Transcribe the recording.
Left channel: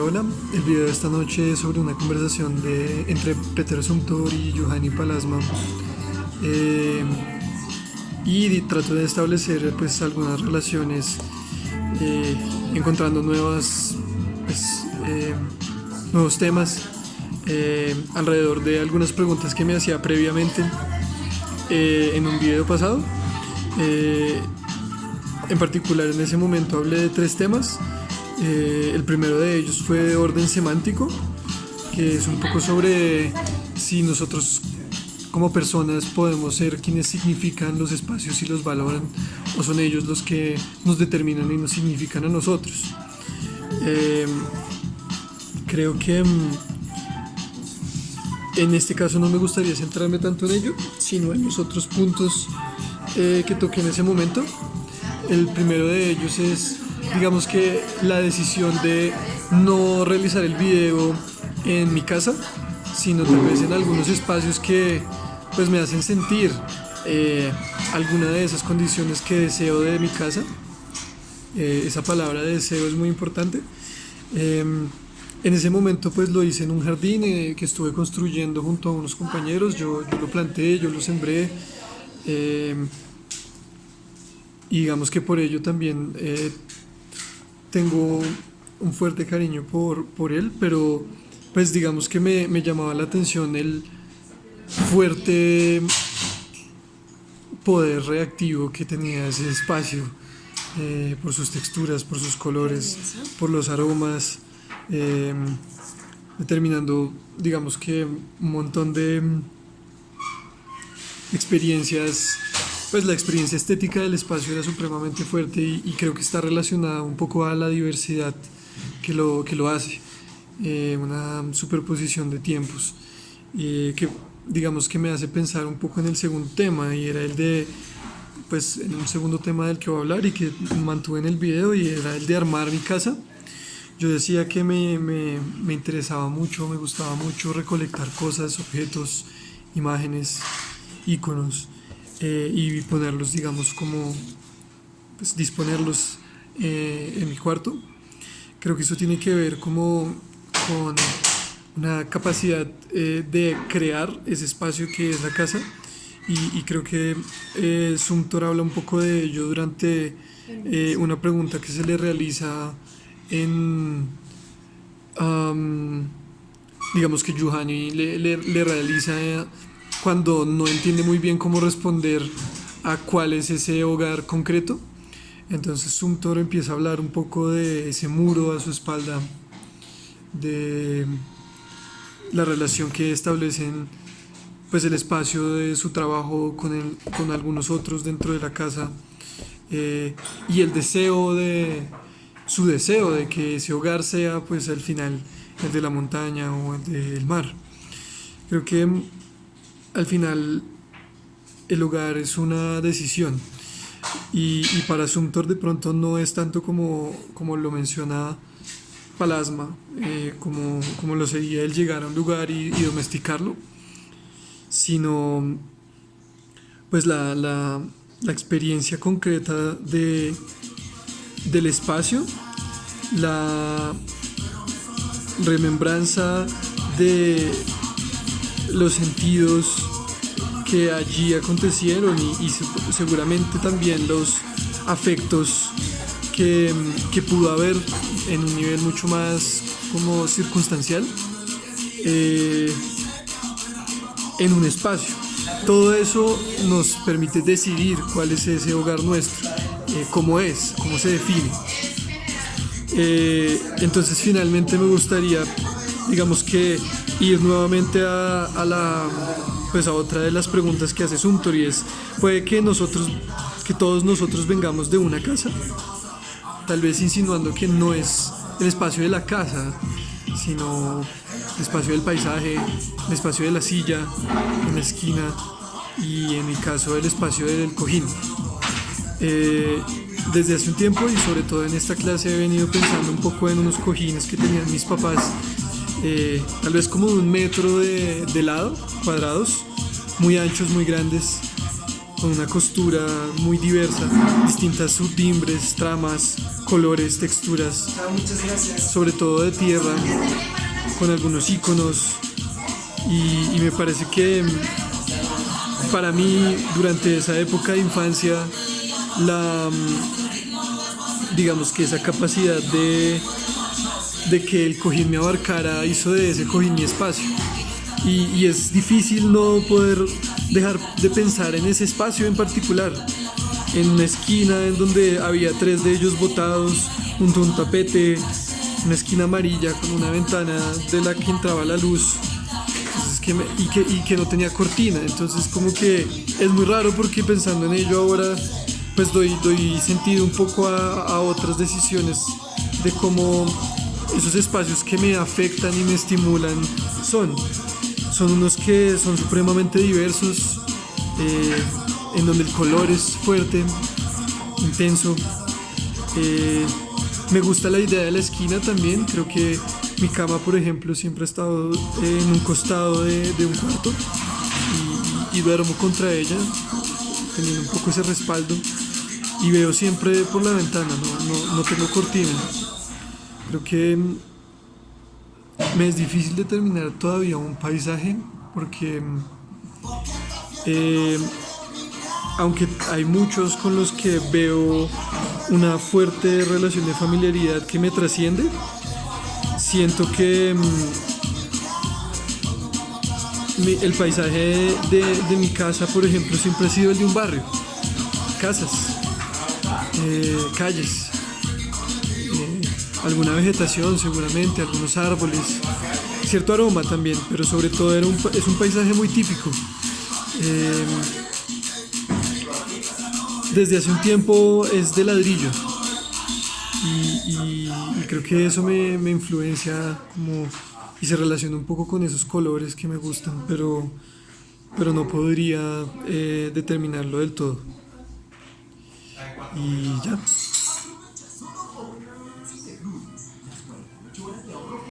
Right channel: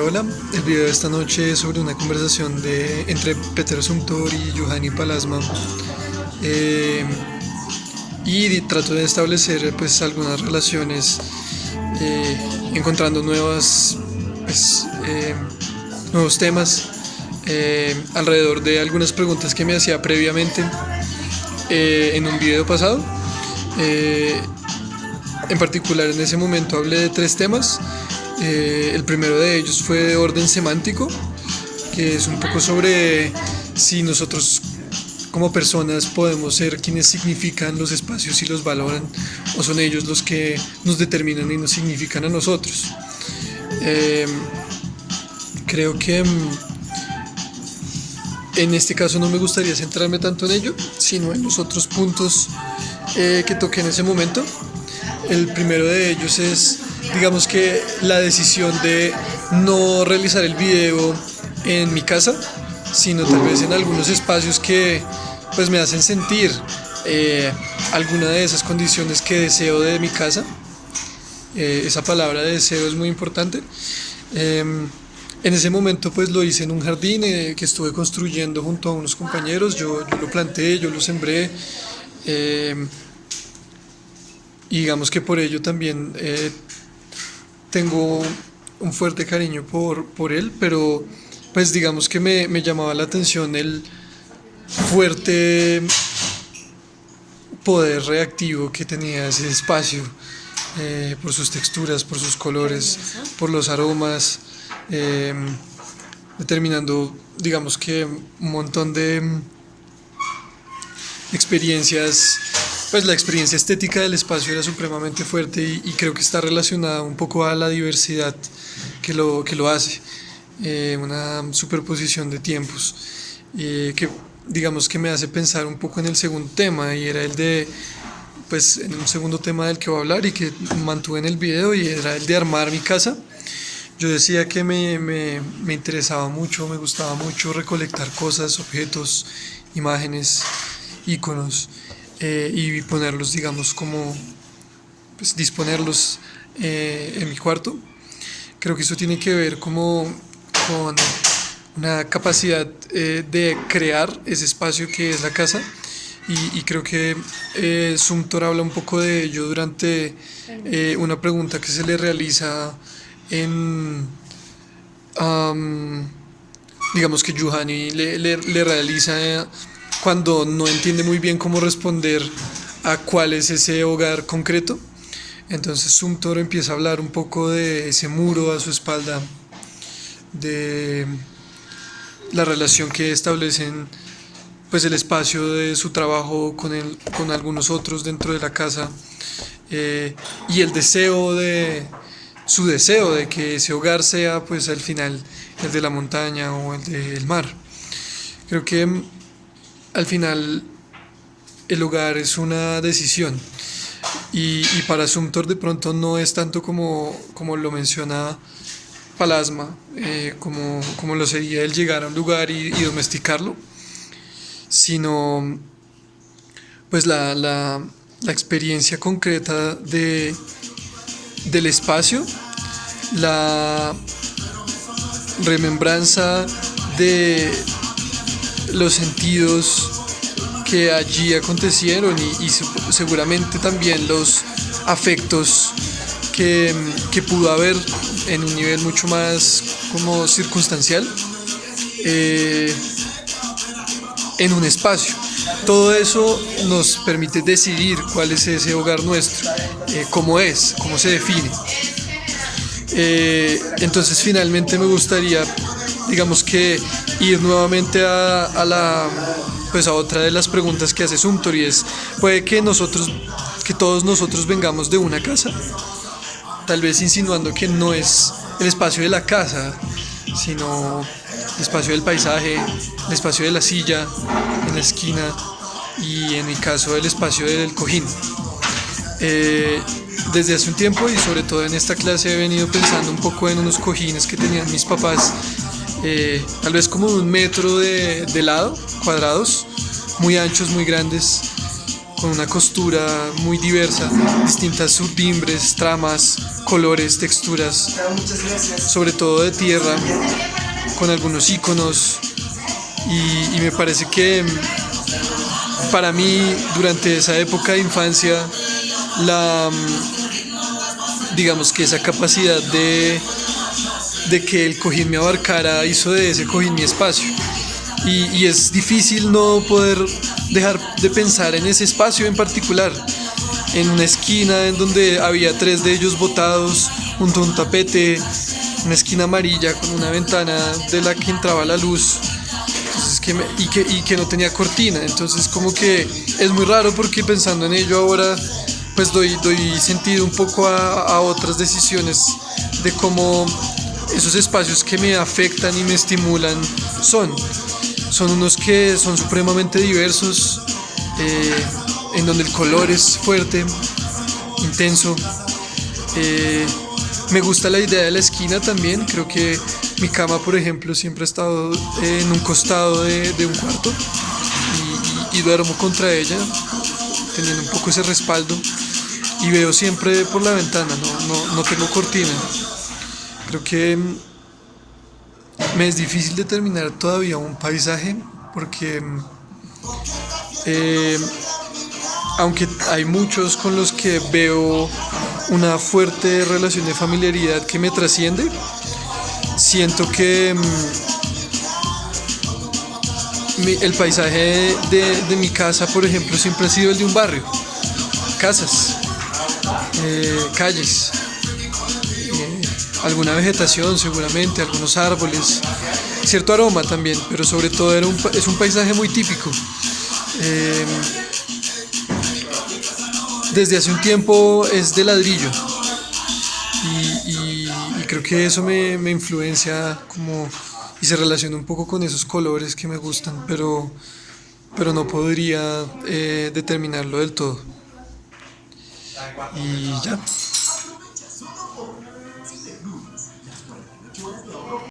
Hola, el video de esta noche es sobre una conversación entre Peter Sumter y Juhani Pallasmaa, eh, y trato de establecer pues algunas relaciones, encontrando nuevos temas alrededor de algunas preguntas que me hacía previamente en un video pasado. En particular, en ese momento hablé de tres temas. El primero de ellos fue de orden semántico, que es un poco sobre si nosotros como personas podemos ser quienes significan los espacios y los valoran, o son ellos los que nos determinan y nos significan a nosotros. Creo que en este caso no me gustaría centrarme tanto en ello, sino en los otros puntos que toqué en ese momento. El primero de ellos es, digamos que la decisión de no realizar el video en mi casa, sino tal vez en algunos espacios que pues me hacen sentir alguna de esas condiciones que deseo de mi casa. Esa palabra deseo es muy importante. En ese momento pues lo hice en un jardín que estuve construyendo junto a unos compañeros. Yo lo planté, yo lo sembré, y digamos que por ello también tengo un fuerte cariño por él, pero pues digamos que me llamaba la atención el fuerte poder reactivo que tenía ese espacio, por sus texturas, por sus colores, por los aromas, determinando, digamos que un montón de experiencias. Pues la experiencia estética del espacio era supremamente fuerte, y creo que está relacionada un poco a la diversidad que lo hace, una superposición de tiempos, que digamos que me hace pensar un poco en el segundo tema, y era el de, pues en un segundo tema del que voy a hablar y que mantuve en el video, y era el de armar mi casa. Yo decía que me interesaba mucho, me gustaba mucho recolectar cosas, objetos, imágenes, iconos, y ponerlos, digamos, como pues disponerlos en mi cuarto. Creo que eso tiene que ver como con una capacidad de crear ese espacio que es la casa, y creo que Sumter habla un poco de ello durante una pregunta que se le realiza digamos que Juhani le realiza cuando no entiende muy bien cómo responder a cuál es ese hogar concreto. Entonces Sumter empieza a hablar un poco de ese muro a su espalda, de la relación que establecen, pues el espacio de su trabajo con algunos otros dentro de la casa, y el deseo su deseo de que ese hogar sea pues al final el de la montaña o el del mar. Creo que al final el hogar es una decisión, y para Sumter de pronto no es tanto como lo menciona Pallasmaa, como lo sería el llegar a un lugar y domesticarlo, sino pues la experiencia concreta del espacio, la remembranza de los sentidos que allí acontecieron, y seguramente también los afectos que pudo haber en un nivel mucho más como circunstancial, en un espacio. Todo eso nos permite decidir cuál es ese hogar nuestro, cómo se define. Entonces finalmente me gustaría, digamos que ir nuevamente a otra de las preguntas que hace Sumter, y es: puede que todos nosotros vengamos de una casa, tal vez insinuando que no es el espacio de la casa, sino el espacio del paisaje, el espacio de la silla en la esquina, y en mi caso el espacio del cojín. Desde hace un tiempo, y sobre todo en esta clase, he venido pensando un poco en unos cojines que tenían mis papás, tal vez como 1 metro de lado, cuadrados, muy anchos, muy grandes, con una costura muy diversa, distintas surtimbres, tramas, colores, texturas, sobre todo de tierra, con algunos iconos. Y me parece que para mí, durante esa época de infancia, digamos que esa capacidad de que el cojín me abarcara hizo de ese cojín mi espacio. Y es difícil no poder dejar de pensar en ese espacio en particular, en una esquina en donde había 3 de ellos botados junto a un tapete, una esquina amarilla con una ventana de la que entraba la luz. Y que no tenía cortina. Entonces como que es muy raro, porque pensando en ello ahora pues doy sentido un poco a otras decisiones de cómo esos espacios que me afectan y me estimulan son unos que son supremamente diversos, en donde el color es fuerte, intenso. Me gusta la idea de la esquina también. Creo que mi cama, por ejemplo, siempre ha estado en un costado de un cuarto, y duermo contra ella, teniendo un poco ese respaldo, y veo siempre por la ventana, no tengo cortina. Creo que me es difícil determinar todavía un paisaje, porque aunque hay muchos con los que veo una fuerte relación de familiaridad que me trasciende, siento que el paisaje de mi casa, por ejemplo, siempre ha sido el de un barrio, casas, calles, alguna vegetación seguramente, algunos árboles, cierto aroma también, pero sobre todo es un paisaje muy típico. Desde hace un tiempo es de ladrillo, y creo que eso me influencia como, y se relaciona un poco con esos colores que me gustan, pero no podría determinarlo del todo. Y ya.